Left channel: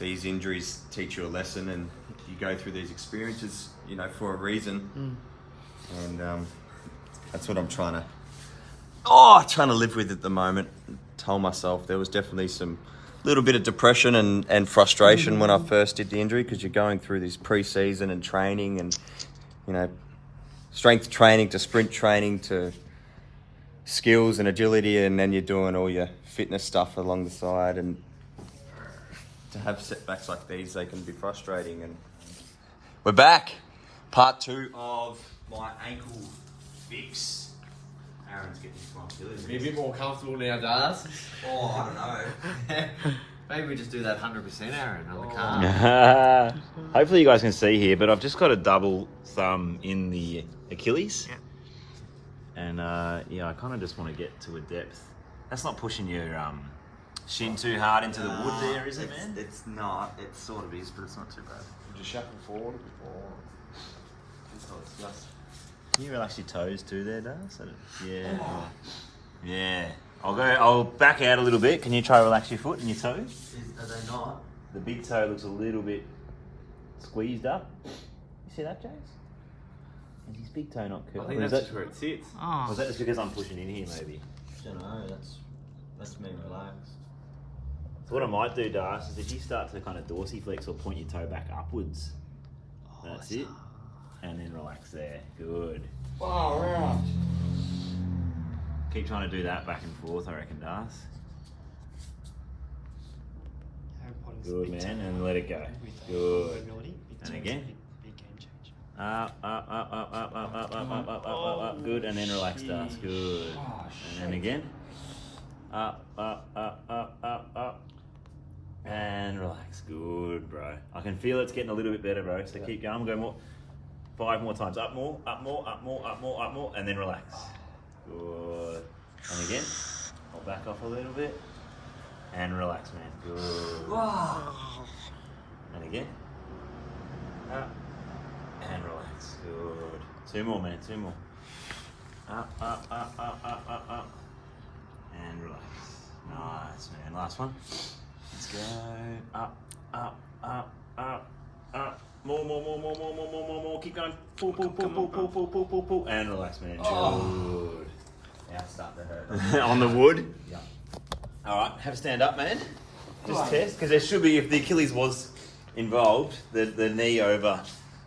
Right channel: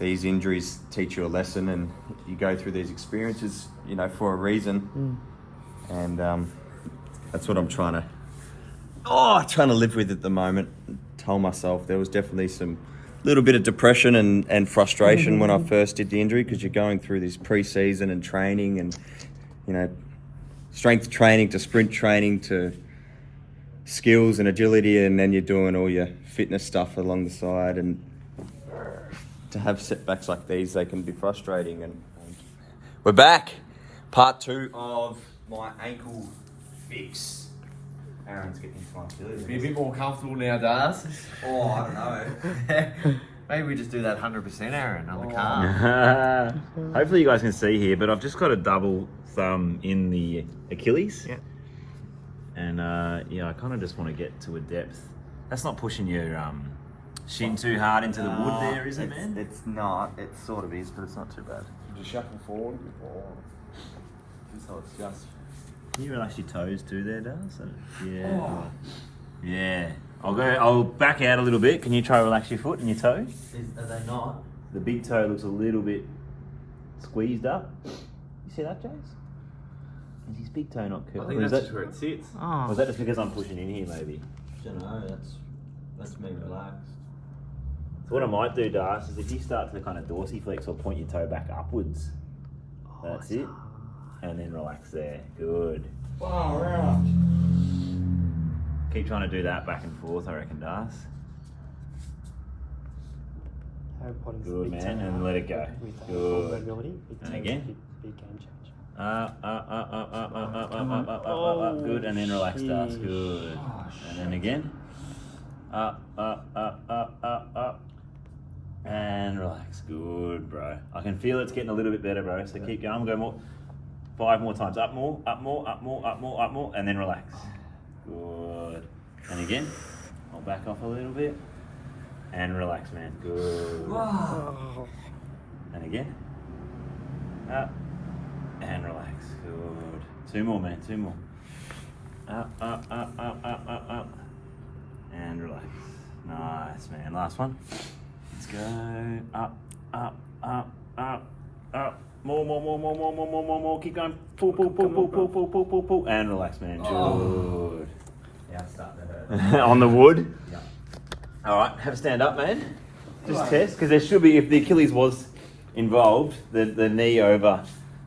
these injuries teach you a lesson, and you go through these experiences, you know, for a reason. And that's what I'm trying to live with at the moment. Told myself there was definitely some little bit of depression and frustration when I first did the injury, because you're going through this pre-season and training, and you know, strength training to sprint training to skills and agility, and then you're doing all your fitness stuff along the side, and to have setbacks like these, they can be frustrating. And we're back, part 2 of my ankle fix. Aaron's getting responsibility. Be a bit more comfortable now, Dars. Oh, I don't know. Maybe we just do that 100%, Aaron, on the car. Hopefully you guys can see here, but I've just got a double thumb in the Achilles. Yeah. And yeah, I kind of just want to get to a depth. That's not pushing your shin too hard into the wood there, is it, man? It's not. It sort of is, but it's not too bad. Just shuffle forward before. So it's just... Can you relax your toes too there, Daz? Yeah. Yeah. I'll back out a little bit. Can you try to relax your foot and your toe? Are they not? The big toe looks a little bit squeezed up. You see that, Jace? Is his big toe not curled? I think that's just where it sits. Oh. Or is that just because I'm pushing in here, maybe? I don't know. That's me relaxed. So what I might do, Daz, is if you start to kind of dorsiflex or point your toe back upwards, that's it. And then relax there. Good. Oh, right. Keep trying to do that back and forth, I reckon, Daz. Good, man, and let it go. Good. And again. Big game change. Up. Good, and then relax, Daz. Good. And then again. Up. And relax. Good, bro. I can feel it's getting a little bit better, bro. So keep going. We'll go more. 5 more times. Up more, and then relax. Good. And again. I'll back off a little bit. And relax, man. Good. And again. Up. And relax. Good. 2 more, man. 2 more. Up. And relax. Nice, man. Last one. Let's go. Up. More. Keep going. Pull. And relax, man. Good. Now start to hurt. On the wood? Yeah. All right, have a stand up, man. Just test, because there should be, if the Achilles was involved, the knee over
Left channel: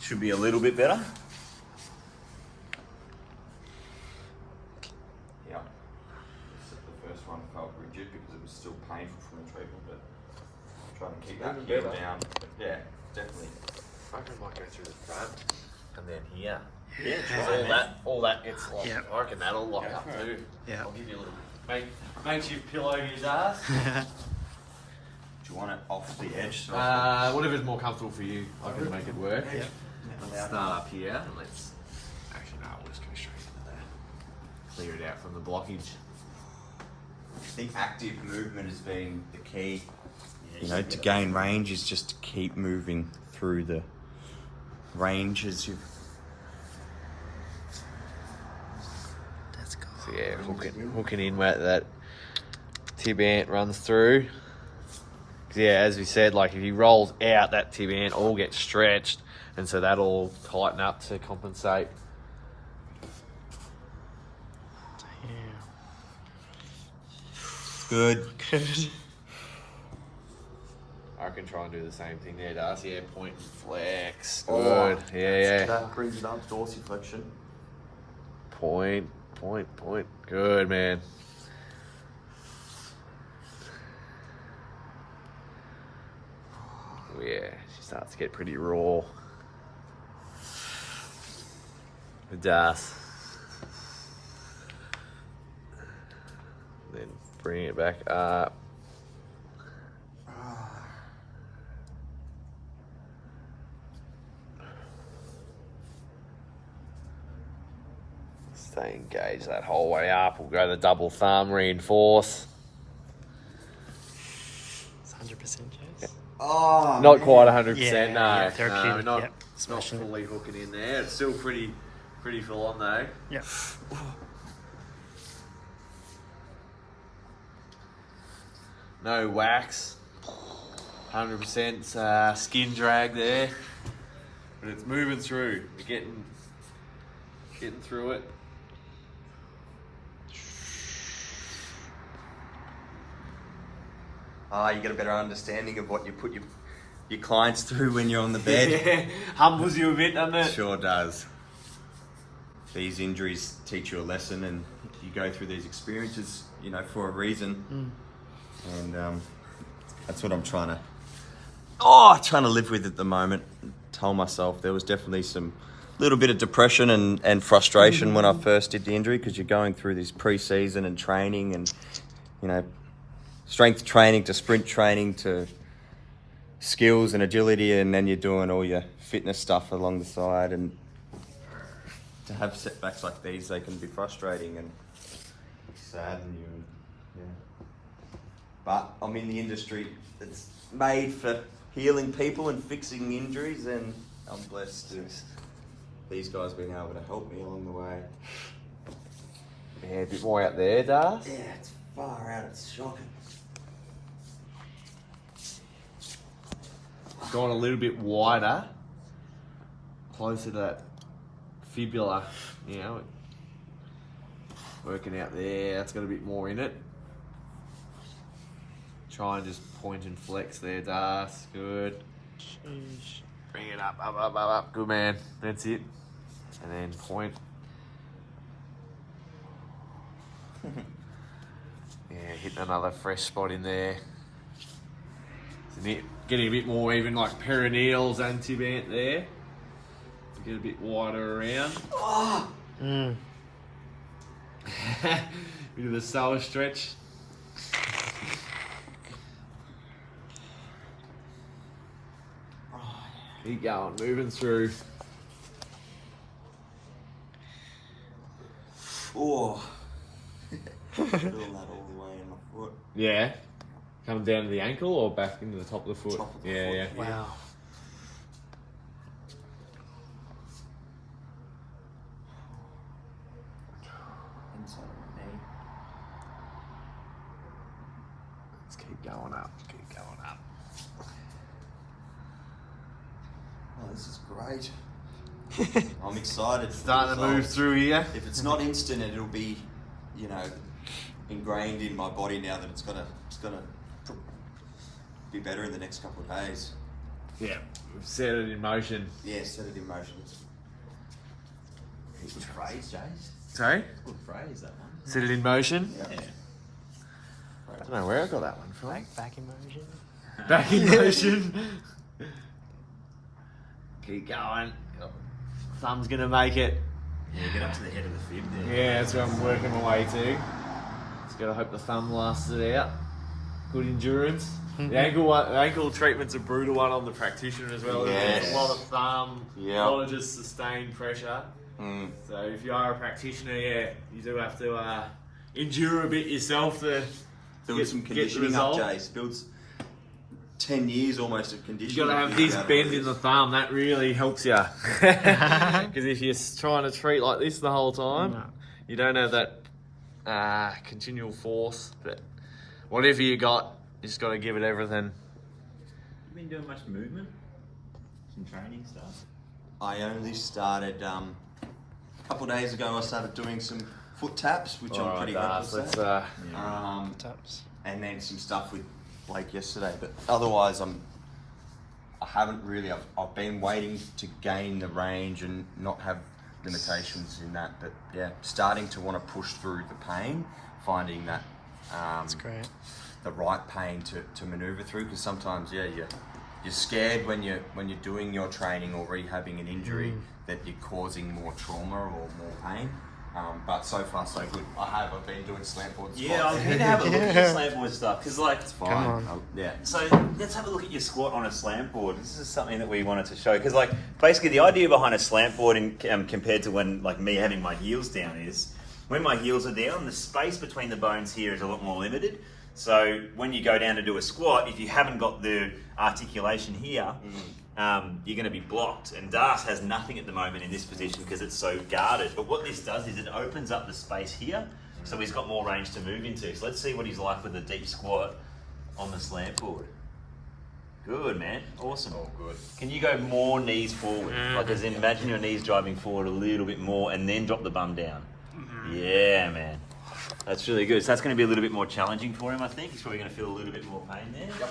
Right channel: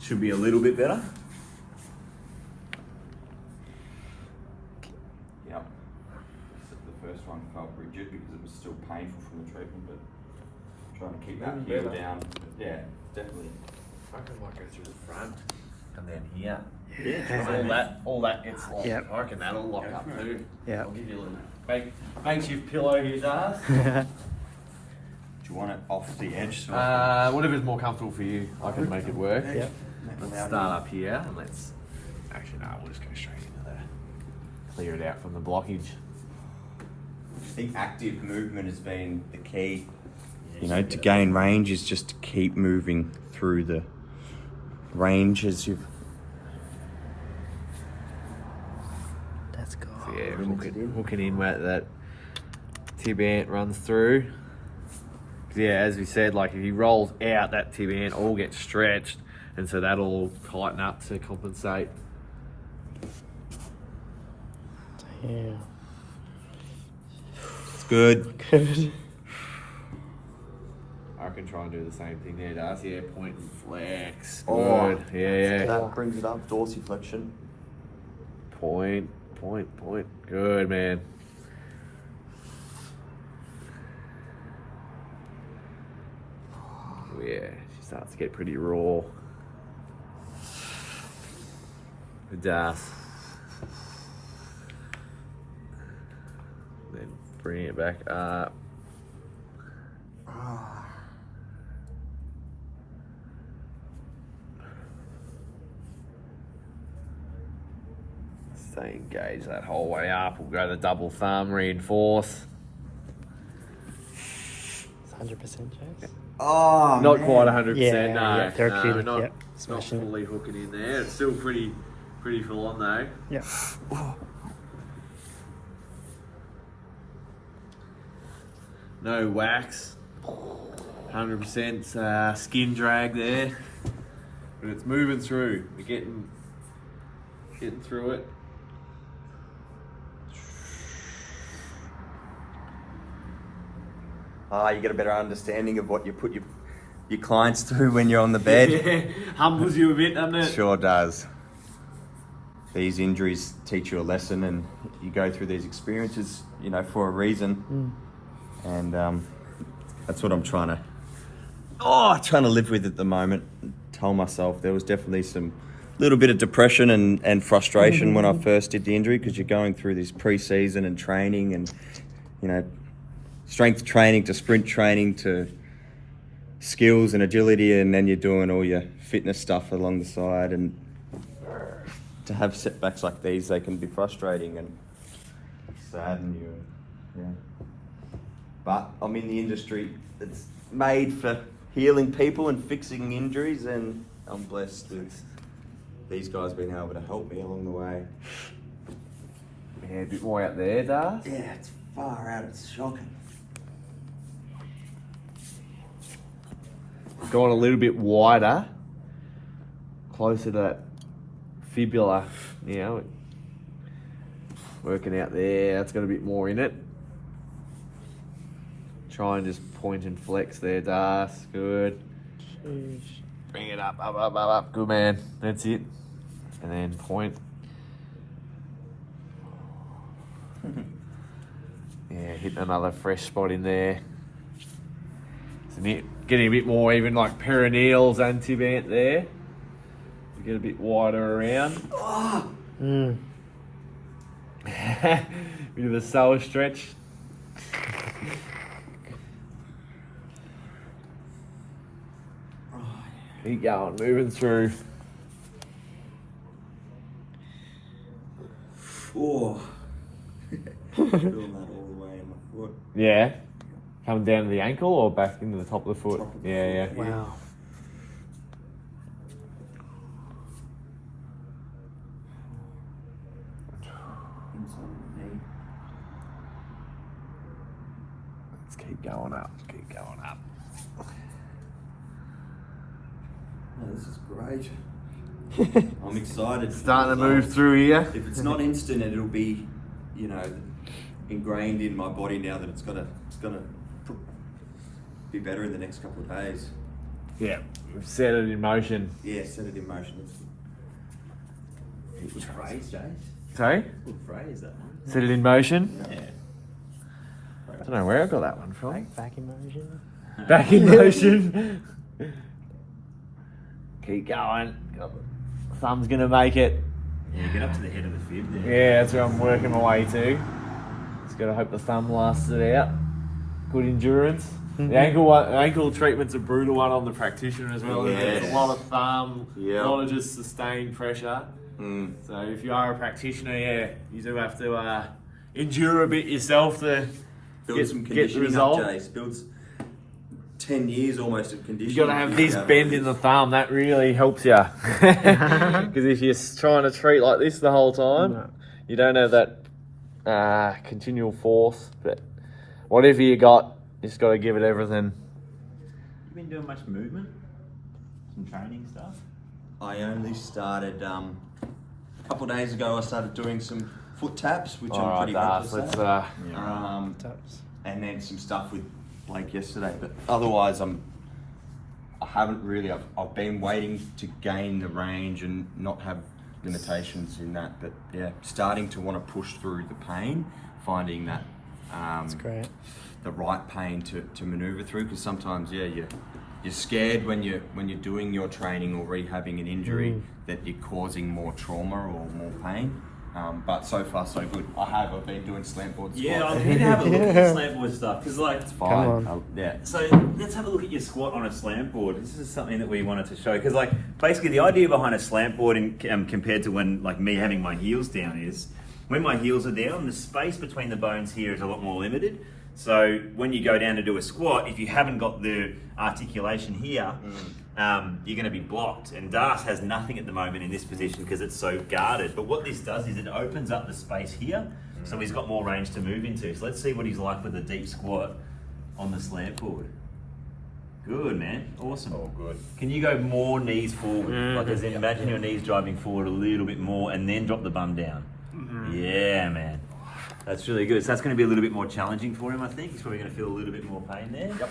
should be a little bit better. Yeah. The first one felt rigid because it was still painful from the treatment, but trying to keep that heel down. But yeah, definitely. I reckon I might go through the front and then here. Yeah. All that gets locked. Yep. I reckon that'll lock up too. Yeah. I'll give you a little makeshift pillow here, Dars. Do you want it off the edge? So Whatever's more comfortable for you, I can make it work. Yep. Let's start up here and let's. Actually, no, we'll just go straight into there. Clear it out from the blockage. I think active movement has been the key. You know, to gain range is just to keep moving through the range as you. Let's go. So yeah, hooking in where that tib ant runs through. 'Cause yeah, as we said, like if he rolls out, that tib ant all gets stretched, and so that'll tighten up to compensate. Yeah. Good. Good. I can try and do the same thing there, Darcy. Yeah, point and flex. Good. Yeah. Brings it up, dorsiflexion. Point. Good, man. Oh, yeah, she starts to get pretty raw. It does. Then bring it back up. Stay engaged that whole way up. We'll go the double thumb, reinforce. It's 100% Chase. Oh, Not quite 100%. Yeah, no. yeah, therapeutic, No, not, yep. not Smashing it. fully hooking in there. It's still pretty full on though. Yep. No wax. 100% skin drag there, but it's moving through. We're getting through it. You get a better understanding of what you put your clients through when you're on the bed. Yeah, humbles you a bit, doesn't it? Sure does. These injuries teach you a lesson, and you go through these experiences, you know, for a reason. And that's what I'm trying to live with at the moment. Told myself there was definitely some little bit of depression and frustration when I first did the injury, because you're going through this pre-season and training, and you know, strength training to sprint training to skills and agility, and then you're doing all your fitness stuff along the side, and to have setbacks like these, they can be frustrating and sadden you. Yeah. But I'm in the industry that's made for healing people and fixing injuries, and I'm blessed to these guys being able to help me along the way. Yeah, a bit more out there, Das. Yeah, it's far out, it's shocking. Gone a little bit wider, closer to that fibula, you know, working out there. That's got a bit more in it. Try and just point and flex there, Das. Good. Sheesh. Bring it up. Good man. That's it. And then point. Yeah, hitting another fresh spot in there. Getting a bit more even like perineals and tibant there. To get a bit wider around. Bit of a sour stretch. Keep going, moving through. Oh. Feeling that all the way in my foot. Yeah. Coming down to the ankle or back into the top of the foot? Top of the Yeah. foot. Wow. Inside of the knee. Let's keep going up. Oh, this is great. I'm excited. for Starting the to move results. through here. If it's not instant, it'll be, you know, ingrained in my body now that it's gonna be better in the next couple of days. Yeah, we've set it in motion. Yeah, set it in motion. Good phrase, Jace. Sorry? Good phrase, that one. Set it in motion? Yeah. I don't know where I got that one from. Back emotion. Back in motion. Keep going. Thumb's gonna make it. Yeah, get up to the head of the fib there. Yeah, that's where I'm working my way to. Just gotta hope the thumb lasts it out. Good endurance. The ankle treatment's a brutal one on the practitioner as well. Yes. There's a lot of thumb, Yeah. a lot of just sustained pressure. So if you are a practitioner, yeah, you do have to endure a bit yourself to Build some get the conditioning result. up, Jace. Builds 10 years almost of conditioning. You got to have this bend in the thumb. That really helps you. Because if you're trying to treat like this the whole time, No. you don't have that continual force. But whatever you got, you just got to give it everything. You been doing much movement? Some training stuff? I only started a couple of days ago. I started doing some foot taps, which I'm pretty Das, happy with. let's Taps. And then some stuff with Blake yesterday. But otherwise, I haven't really. I've been waiting to gain the range and not have limitations in that. But yeah, starting to want to push through the pain, finding that That's great. the right pain to maneuver through. Because sometimes, yeah, you're scared when you're doing your training or rehabbing an injury that you're causing more trauma or more pain. But so far so good. I've been doing slant board squats. Yeah, I'm keen to have a look at your slant board stuff because, like, Fine. Come on. Yeah. so let's have a look at your squat on a slant board. This is something that we wanted to show because, like, basically the idea behind a slant board compared to when, like, me having my heels down is when my heels are down, the space between the bones here is a lot more limited. So when you go down to do a squat, if you haven't got the articulation here, you're going to be blocked. And Das has nothing at the moment in this position because it's so guarded. But what this does is it opens up the space here, so he's got more range to move into. So let's see what he's like with a deep squat on the slant board. Good, man. Awesome. All good. Can you go more knees forward? Like as in, imagine your knees driving forward a little bit more and then drop the bum down. Yeah, man. That's really good. So that's going to be a little bit more challenging for him, I think. He's probably going to feel a little bit more pain there. Yep.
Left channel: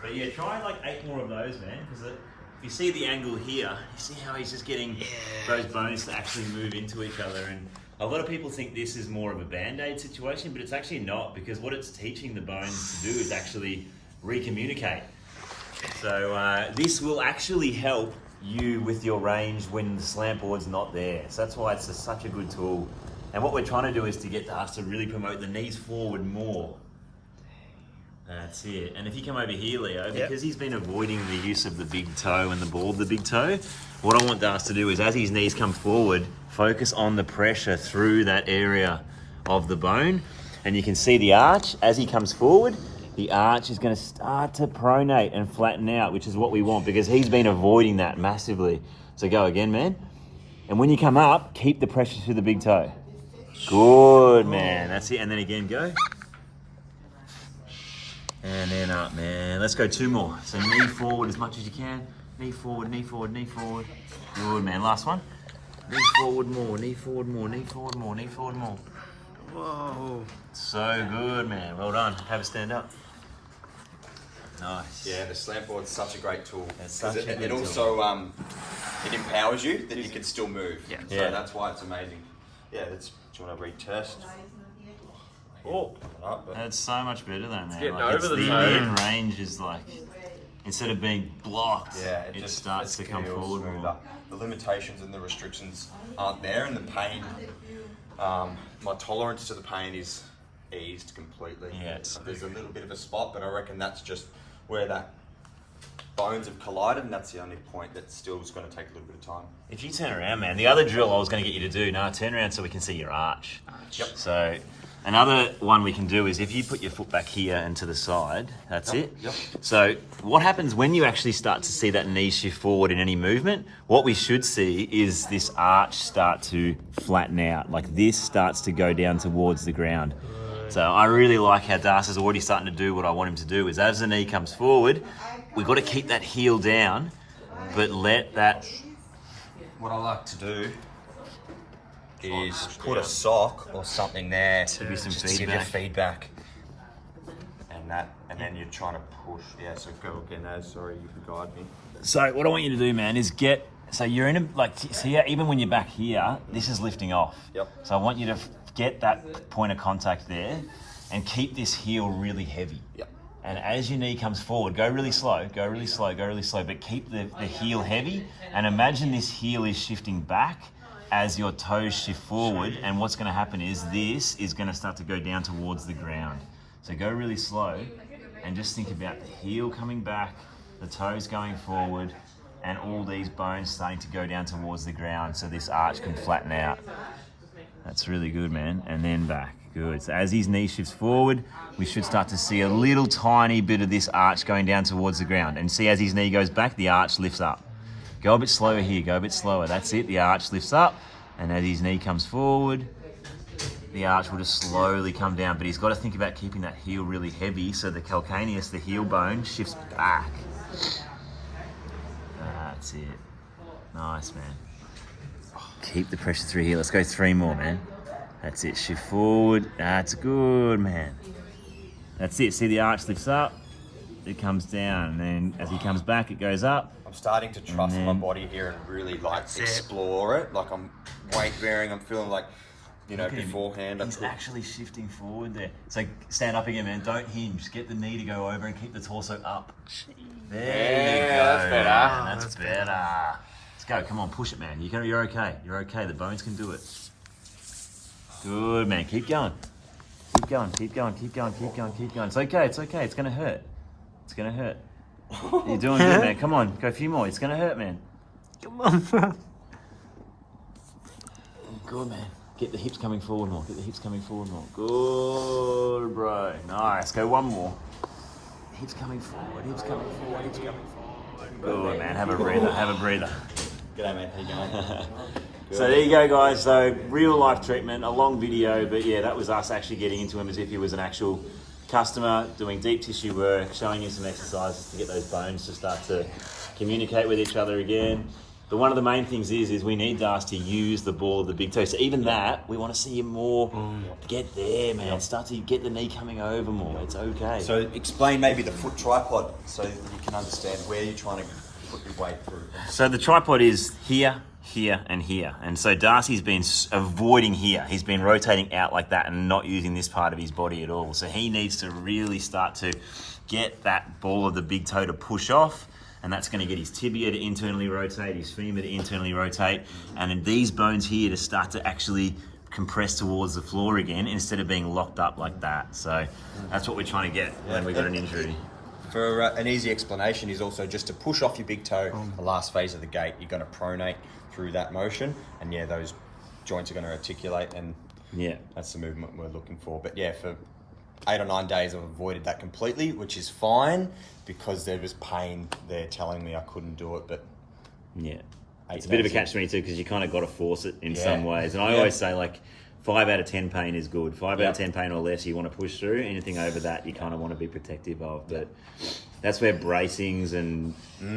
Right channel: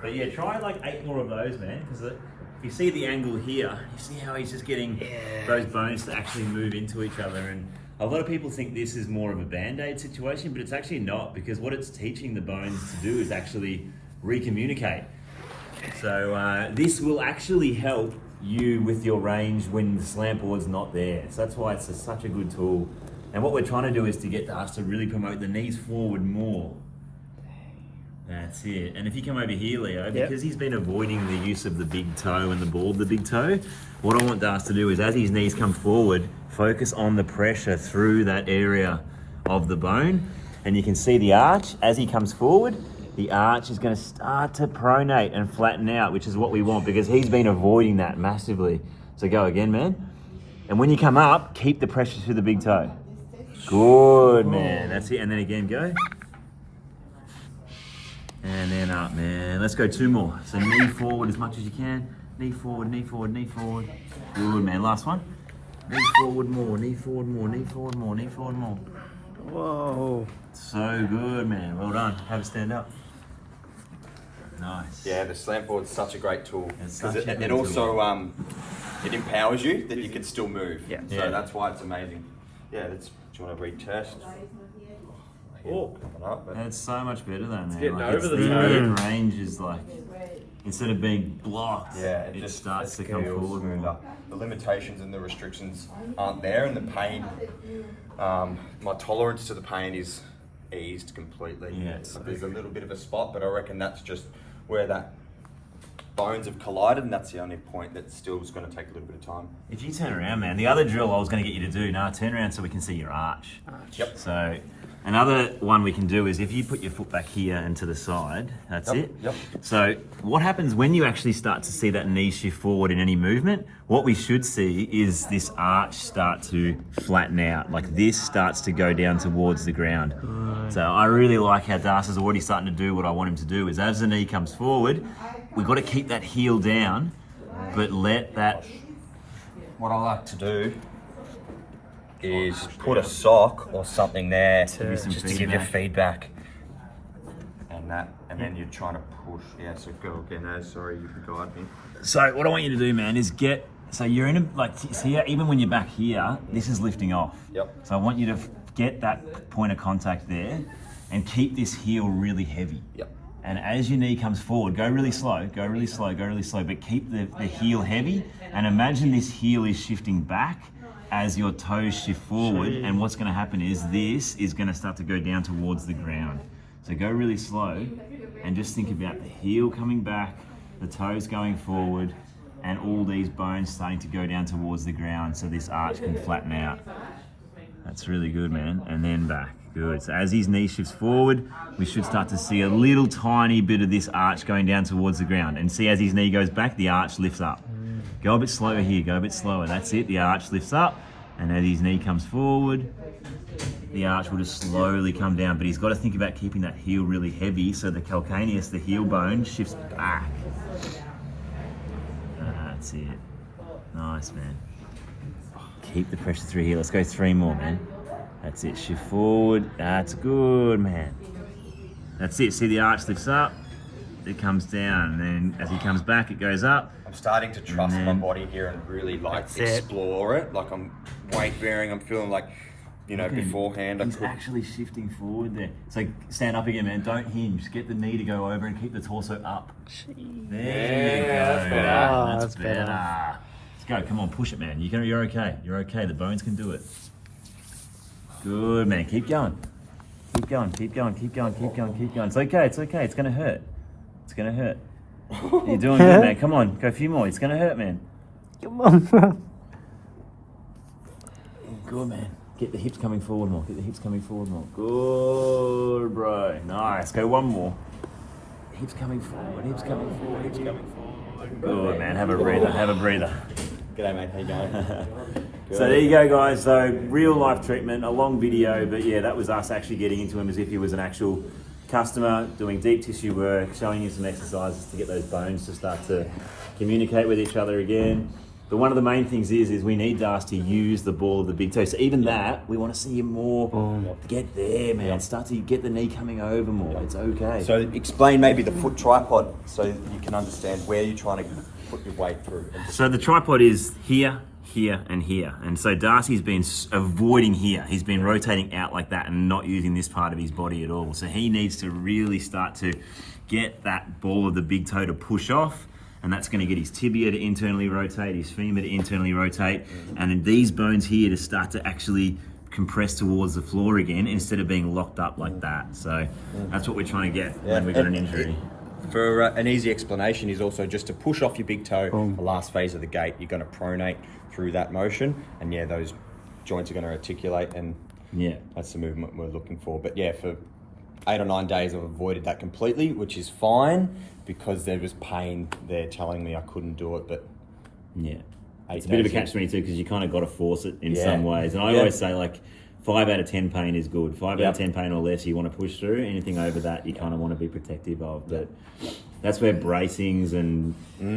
But yeah, try like 8 more of those, man. Because if you see the angle here, you see how he's just getting those bones to actually move into each other. And a lot of people think this is more of a band-aid situation, but it's actually not, because what it's teaching the bones to do is actually recommunicate. So this will actually help you with your range when the slant board's not there. So that's why it's such a good tool. And what we're trying to do is to get us to really promote the knees forward more. That's it. And if you come over here, Leo, because he's been avoiding the use of the big toe and the ball of the big toe, what I want Das to do is, as his knees come forward, focus on the pressure through that area of the bone. And you can see the arch as he comes forward. The arch is going to start to pronate and flatten out, which is what we want, because he's been avoiding that massively. So go again, man. And when you come up, keep the pressure through the big toe. Good, man. That's it. And then again, go. And then up, man. Let's go 2 more. So knee forward as much as you can. Knee forward, knee forward, knee forward. Good, man. Last one. Knee forward more, knee forward more, knee forward more, knee forward more. Whoa. So good, man. Well done. Have a stand up. Nice. Yeah, the slant board's such a great tool, It's because such a it good also it empowers you that you can still move. Yeah. So Yeah. that's why it's amazing. Yeah, do you want to retest? Oh, Coming up, but that's so much better though, man. getting Like, over the mid range is like, instead of being blocked, yeah, it just starts to it come feels forward smoother. more. The limitations and the restrictions aren't there, and the pain, my tolerance to the pain is eased completely. Yeah. There's a little bit of a spot, but I reckon that's just where that bones have collided, and that's the only point that still is going to take a little bit of time. If you turn around, man, the other drill I was going to get you to do, no, turn around so we can see your arch. Yep. So another one we can do is if you put your foot back here and to the side, that's it. Yep. So what happens when you actually start to see that knee shift forward in any movement, what we should see is this arch start to flatten out. Like this starts to go down towards the ground. So I really like how Das is already starting to do what I want him to do, is as the knee comes forward, we've got to keep that heel down, but let that... What I like to do is put a sock or something there just to give you feedback. And then you're trying to push. Yeah, so go again. No, sorry, you can guide me. So what I want you to do, man, is get... So you're in a... Like, see, even when you're back here, this is lifting off. Yep. So I want you to get that point of contact there and keep this heel really heavy. Yep. And as your knee comes forward, go really slow, go really slow, go really slow, but keep the heel heavy. And imagine this heel is shifting back as your toes shift forward. And what's going to happen is this is going to start to go down towards the ground. So go really slow and just think about the heel coming back, the toes going forward, and all these bones starting to go down towards the ground so this arch can flatten out. That's really good, man. And then back. Good. So as his knee shifts forward, we should start to see a little tiny bit of this arch going down towards the ground. And see, as his knee goes back, the arch lifts up. Go a bit slower here. Go a bit slower. That's it. The arch lifts up. And as his knee comes forward, the arch will just slowly come down. But he's got to think about keeping that heel really heavy so the calcaneus, the heel bone, shifts back. That's it. Nice, man. Keep the pressure through here. Let's go 3 more, man. That's it. Shift forward. That's good, man. That's it. See, the arch lifts up. It comes down. And then as he comes back, it goes up. I'm starting to trust my body here and really like explore it. Like I'm weight bearing. I'm feeling like, you know, beforehand. He's actually shifting forward there. So stand up again, man. Don't hinge. Get the knee to go over and keep the torso up. There you go. That's better. Let's go. Come on, push it, man. You're okay. You're okay. The bones can do it. Good, man. Keep going. Keep going. Keep going. Keep going. Keep going. Keep going. It's okay. It's okay. It's gonna hurt. It's gonna hurt. You're doing good, man. Come on. Go a few more. It's gonna hurt, man. Come on, bro. Good, man. Get the hips coming forward more. Get the hips coming forward more. Good, bro. Nice. Go 1 more. Hips coming forward. Hips coming forward. Hips coming forward. Good, man. Have a breather. Have a breather. G'day, mate. How you going? So there you go, guys. So real life treatment, a long video, but yeah, that was us actually getting into him as if he was an actual customer doing deep tissue work, showing you some exercises to get those bones to start to communicate with each other again. But one of the main things is we need Das to use the ball of the big toe. So even that, we want to see him more get there, man. Start to get the knee coming over more. It's okay. So explain maybe the foot tripod so we can understand where you're trying to put your weight through. So the tripod is here, here, and here. And so Darcy's been avoiding here. He's been rotating out like that and not using this part of his body at all. So he needs to really start to get that ball of the big toe to push off. And that's going to get his tibia to internally rotate, his femur to internally rotate, and then these bones here to start to actually compress towards the floor again instead of being locked up like that. So that's what we're trying to get when we've got an injury. For an easy explanation is also just to push off your big toe, the last phase of the gait. You're going to pronate through that motion, and yeah, those joints are going to articulate, and that's the movement we're looking for. But yeah, for 8 or 9 days, I've avoided that completely, which is fine because there was pain there telling me I couldn't do it. But it's a bit of a catch-22 because you kind of got to force it in some ways. And I always say, like, 5 out of 10 pain is good. 5 out of 10 pain or less, you want to push through. Anything over that, you kind of want to be protective of. But that's where bracings and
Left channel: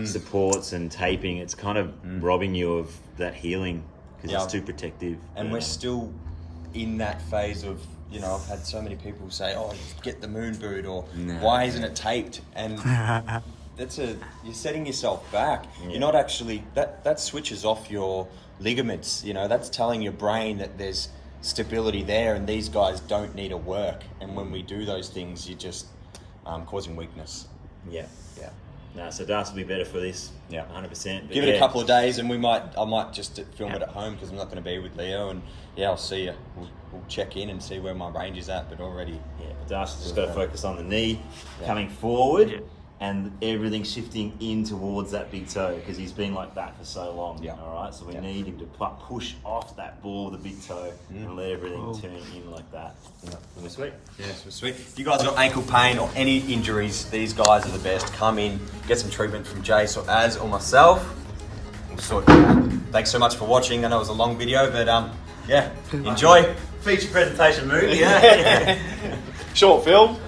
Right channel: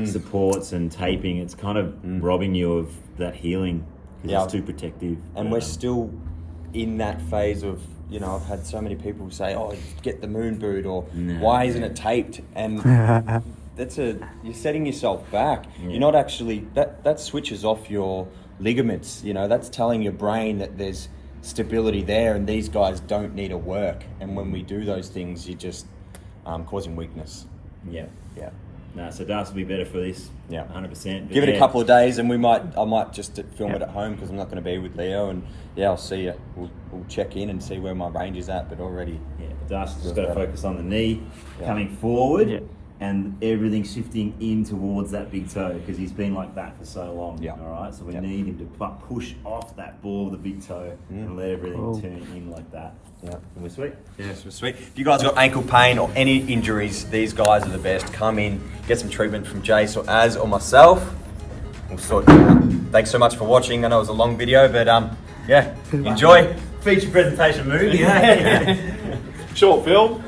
supports and taping, it's kind of robbing you of that healing because it's too protective. And we're still in that phase of, you know, I've had so many people say, oh, just get the moon boot, or why isn't it taped? And you're setting yourself back. You're not actually, that switches off your ligaments, you know, that's telling your brain that there's stability there and these guys don't need to work. And when we do those things, you're just causing weakness. No, so Das will be better for this. 100%. Give it a couple of days, and I might just film it at home because I'm not going to be with Leo. And I'll see you. We'll check in and see where my range is at. But already, but Das has just got to focus on the knee coming forward and everything shifting in towards that big toe because he's been like that for so long. All right, so we need him to push off that ball of the big toe and let everything turn in like that. And we're sweet. Yes, we're sweet. If you guys got ankle pain or any injuries, these guys are the best. Come in, get some treatment from Jace or Az or myself. We'll sort it out. Thanks so much for watching. I know it was a long video, but enjoy. Feature presentation movie. Short film.